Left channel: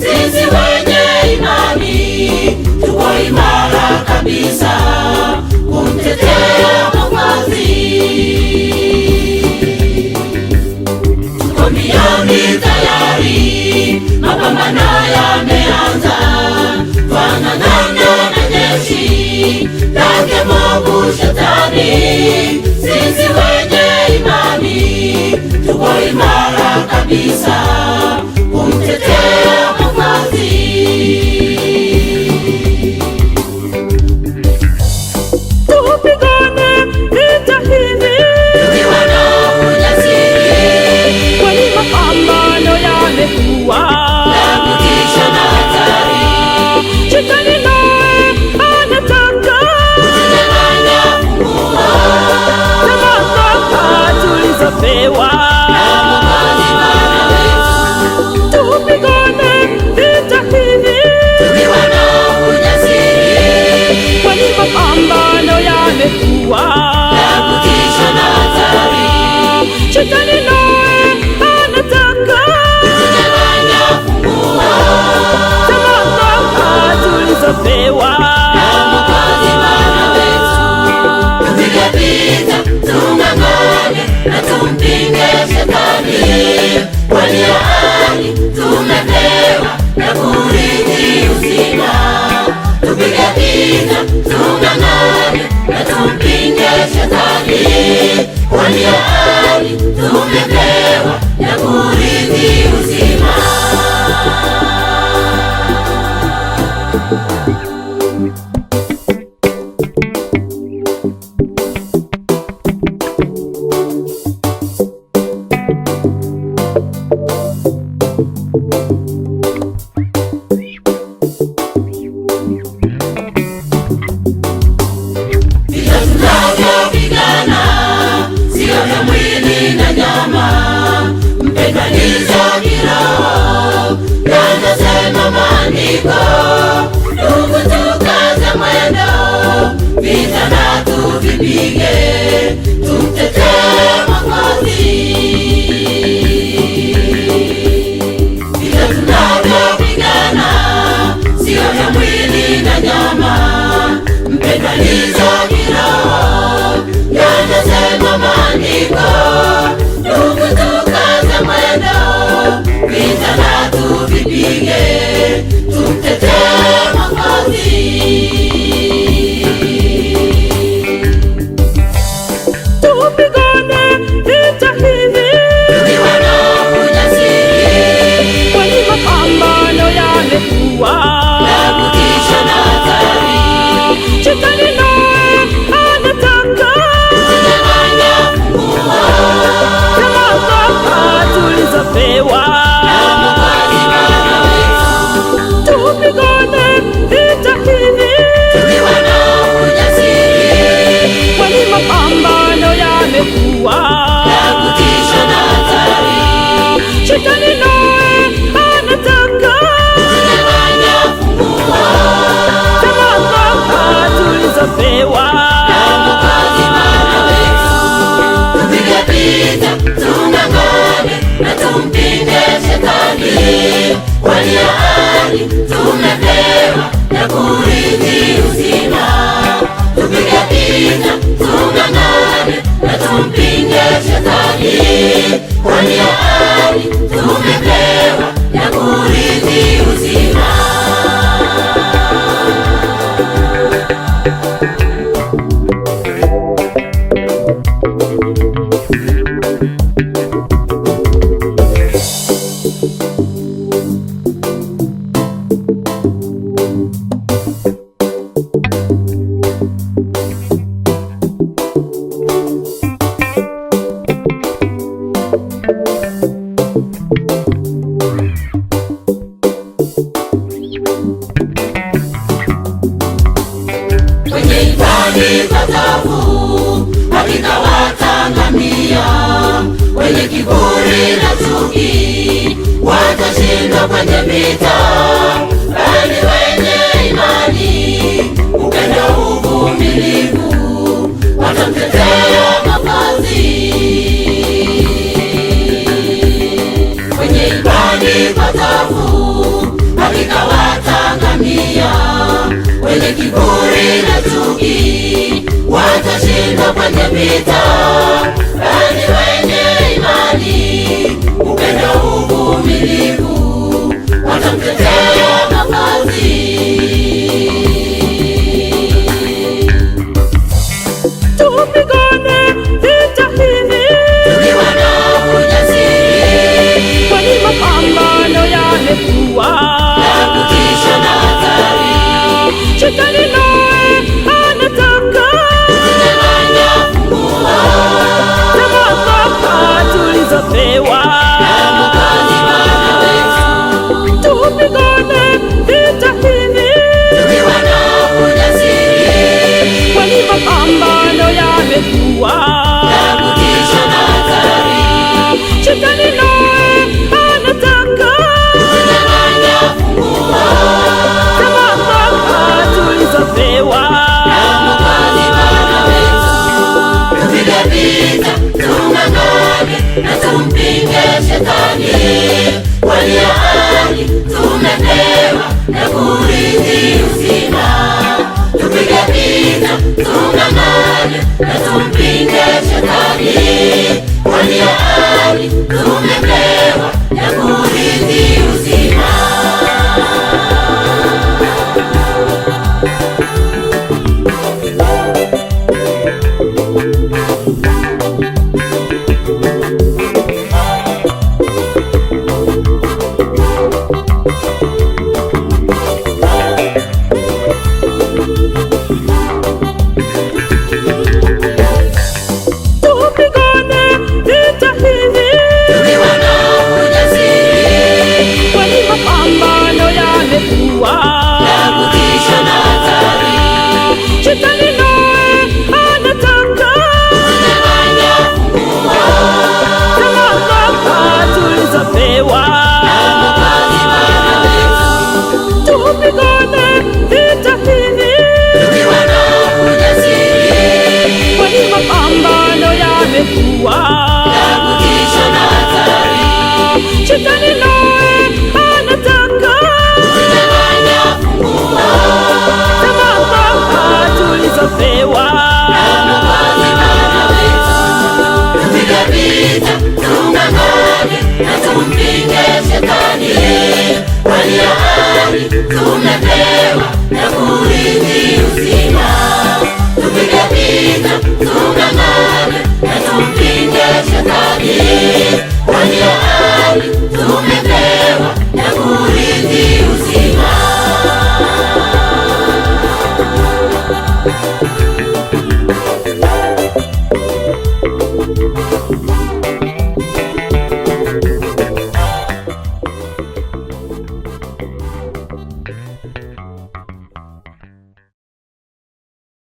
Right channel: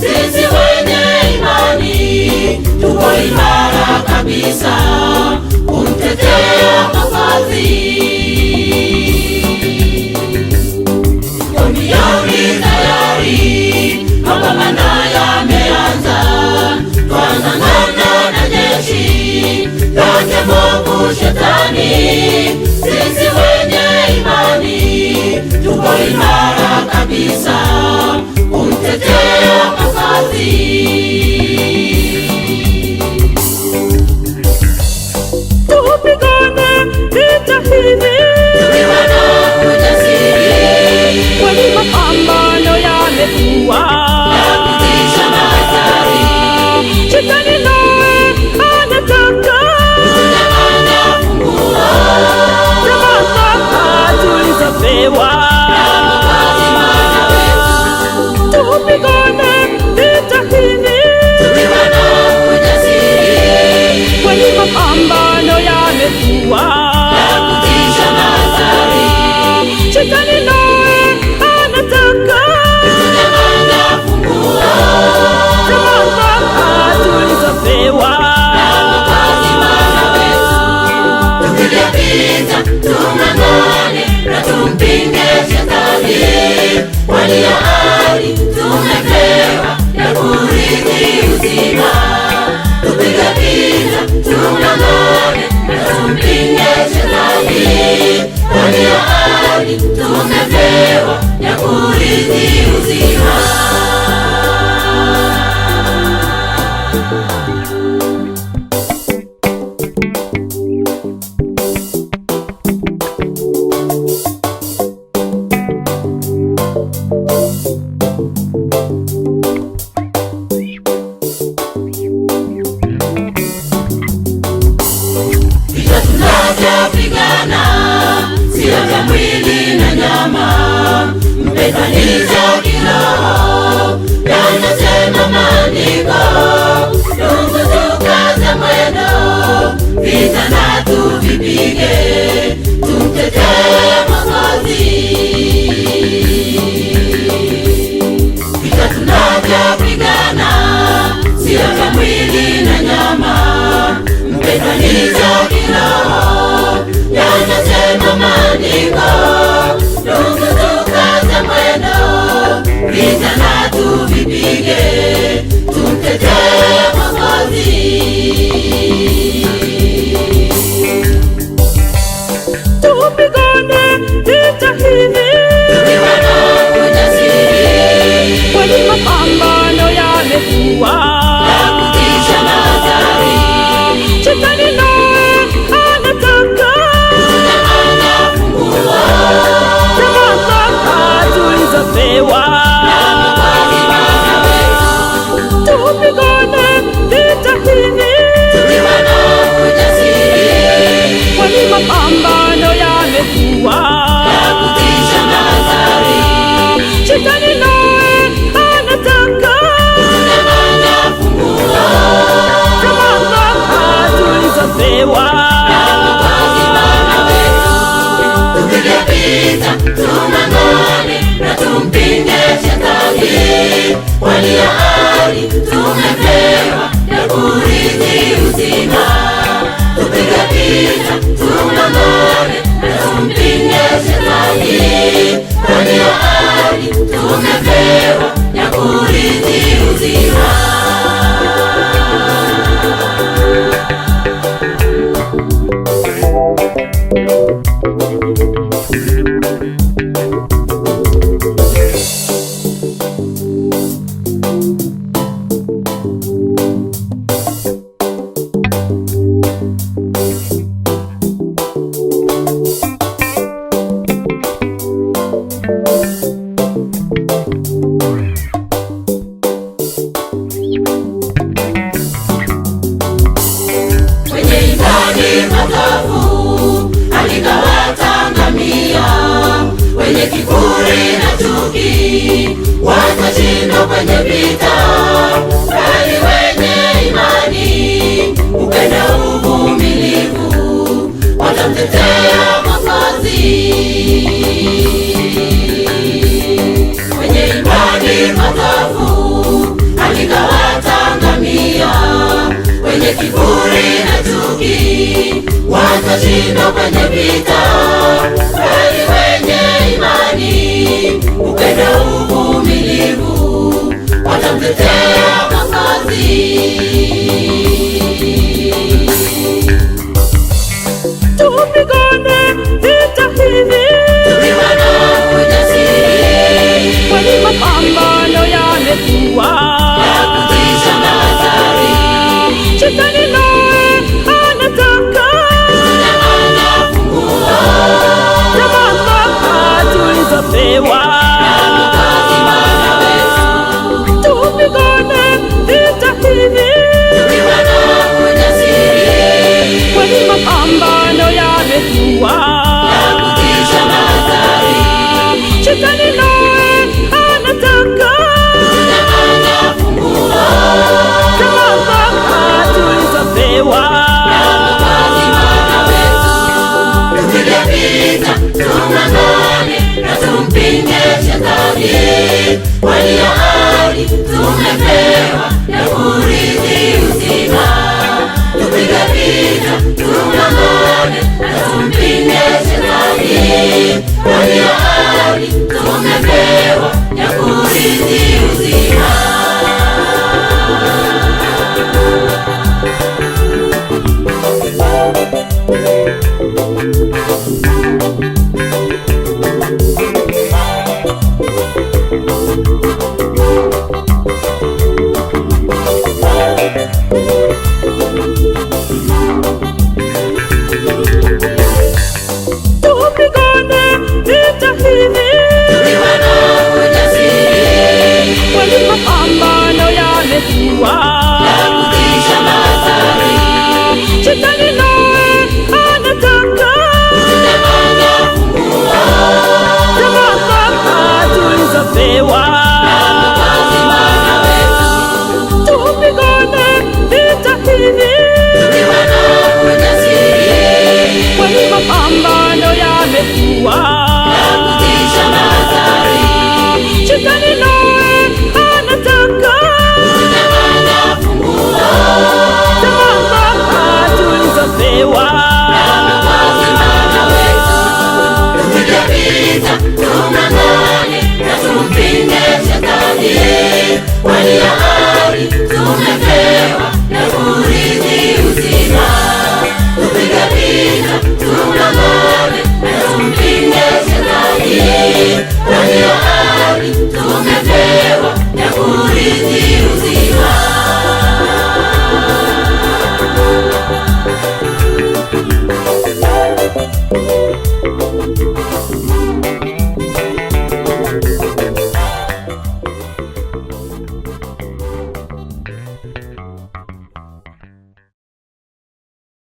sisi wenye imani tuko imara kabisa kumtetea Mwokozi. Tuko tayari, mapambano yameanza, twanang'ana na jeshi lake mwovu Shetani. Sisi wenye imani tuko imara kabisa kumtetea Mwokozi. Tupigane vita hivi kwani mapambano yamekuwa. Shetani naye anataka mamlaka tulizopewa. Tupigane vita hivi kwani mapambano yamekuwa. Shetani naye anataka mamlaka tulizopewa. Tupige vita, tung'ang'ane na tumpinge Shetani. Walio hai tumepewa na kurithi uzima. Tupige vita, tung'ang'ane na tumpinge Shetani. Walio hai tumepewa na kurithi uzima. Vita tunavyopigana sio vya mwili na nyama, mpendwa, ni vya kiroho. Yanasema Maandiko, ndugu, tukaze mwendo, vita na tuvipige, tumtetee Mwokozi. Vita tunavyopigana sio vya mwili na nyama, mpendwa, ni vya kiroho. Yanasema Maandiko, ndugu, tukaze mwendo, vita na tuvipige, tumtetee Mwokozi. Tupigane vita hivi kwani mapambano yamekuwa. Shetani naye anataka mamlaka tulizopewa. Tupigane vita hivi kwani mapambano yamekuwa. Shetani naye anataka mamlaka tulizopewa. Tupige vita, tung'ang'ane na tumpinge Shetani. Walio hai tumepewa na kurithi uzima. Tupige vita, tung'ang'ane na tumpinge Shetani. Walio hai tumepewa na kurithi uzima. Potofu alikawatangamia, wenye kiburi na chuki watashindwa kwenye vita, bali wenye imani, upendo, uvumilivu watamtetea Mwokozi. Wenye imani potofu watashindwa kwenye vita, bali wenye imani, upendo, uvumilivu watamtetea Mwokozi. Tupigane vita hivi Tukiwa na ujasiri, kwani mapambano yamekuwa. Shetani naye anataka za mamlaka tulizopewa. Tupigane vita hivi kwani mapambano yamekuwa. Shetani naye anataka za mamlaka tulizopewa. tupige vita, tung'ang'ane na tumpinge Shetani, kwani ahadi tumepewa na kurithi uzima. Tupige vita, tung'ang'ane na tumpinge Shetani, kwani ahadi tumepewa na kurithi uzima. Tupigane vita hivi kwani mapambano yamekuwa. Shetani naye anataka za mamlaka tulizopewa. Tupigane vita hivi kwani mapambano yamekuwa. Shetani naye anataka za mamlaka tulizopewa.